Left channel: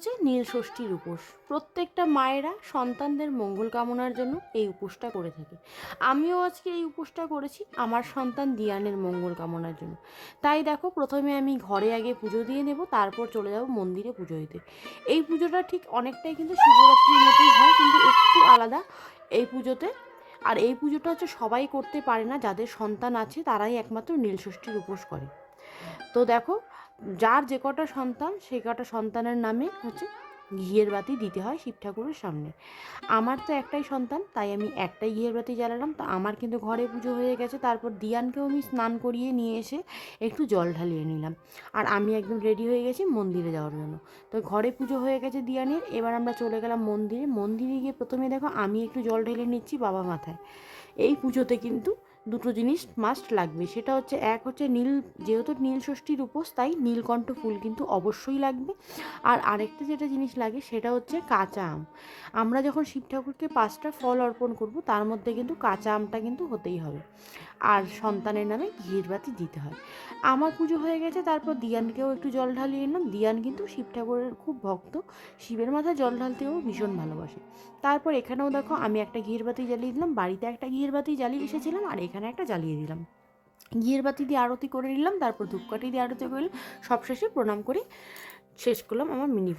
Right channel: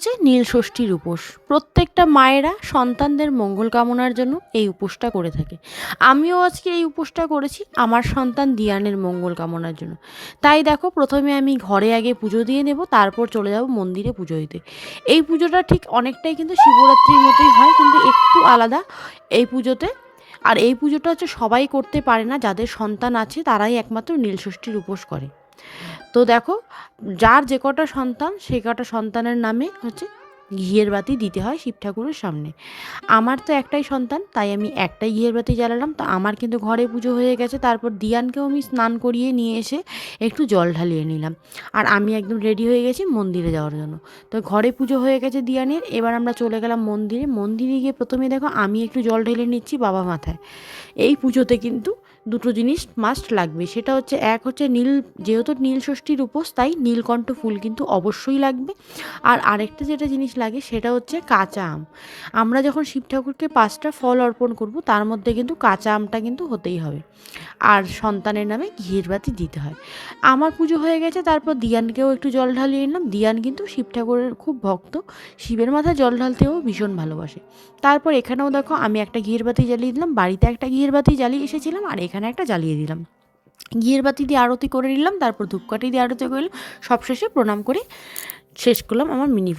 হচ্ছে নীল ষষ্ঠীর উপোস। প্রত্যেকটা মায়েরা সন্তানদের মঙ্গল কামনার জন্য এই উপোসটা করে থাকে। আমিও আজকে এই উপোসটা করেছি আমার সন্তান দিয়ানের মঙ্গল কামনার জন্য। তাই দেখো, প্রথমে আমি ঘরে আগে পুজো দিয়ে নেব, তারপর চলে যাব মন্দিরে পুজো দিতে। এই পুজোটা ঠিক অনেকটাই কিন্তু শিবরাত্রির মতোই হয়, কিন্তু একটু আলাদা এই পুজোতে। আর এই পুজোটা হচ্ছে সবাই করতে পারে না, যাদের সন্তান আছে তারাই একমাত্র নীলষষ্ঠীর উপোস করে। তো দেখো, যার যে কটা সন্তান সে কটা সন্তানের নামে হচ্ছে ঘিয়ের বাতি দিতে হয় শিব ঠাকুরের সামনে। আমার তো একটাই সন্তান, তাই আমি একটাই ঘিয়ের বাতি জ্বালালাম। তো আমার কিন্তু ঘরে পুজো হয়ে গেছে। তারপর দিয়ানকেও আমি স্নান করিয়ে নিয়ে এসে একটু জল ঢালিয়ে নিলাম। আর আমি একদম রেডি হয়ে গেছি মন্দিরে যাওয়ার জন্য। তো ঘরে পুজো হয়ে গেছে দিয়ানের, এবার আমরা চলে গেলাম মন্দিরে। মন্দিরে গিয়ে প্রথমে দেখো আমি একটু জল ঢেলে নিচ্ছি বাবা মাথায়। এই পুজোতে কিন্তু দুটো জিনিস মাস্ট লাগবে, সেটা হচ্ছে এক হচ্ছে নীল, যেহেতু নীল ষষ্ঠীর উপোস তাই নীলকণ্ঠ ফুল কিন্তু অবশ্যই লাগবে। আর আরেকটা যেটা জিনিস লাগে সেটা হচ্ছে কাঁচা আম। আমরা যখন শিব ঠাকুরকে 5টা ফল অর্পণ করব, তার মধ্যে কিন্তু কাঁচা আমটা কিন্তু হতেই হবে। আর সন্তানের নামে ঘিয়ের বাতি দিতে হয়। আমার পুজো হয়ে গেছে, তারপর দিয়ানকেও একটু জল ঢালিয়ে নিলাম। দিয়ান কিন্তু শিব ঠাকুরের খুব ভক্ত, শিবের মাথায় জল ঢালতেও ভীষণ ভালোবাসে। তারপর এখানেও দেখো আমি একটা ঘিয়ের বাতি জ্বালিয়ে দিলাম, বাড়িতে একটা ঘিয়ের বাতি জ্বালিয়ে এসেছিলাম আর এখানে একটা জ্বালিয়ে দিলাম। ঘিয়ের বাতি দিয়ে আরতি করে নিলাম, তারপর ধূপকাঠি দিয়ে আরতি করলাম, সবশেষে প্রণাম করে শেষ করলাম আমার মিনি ব্লগ।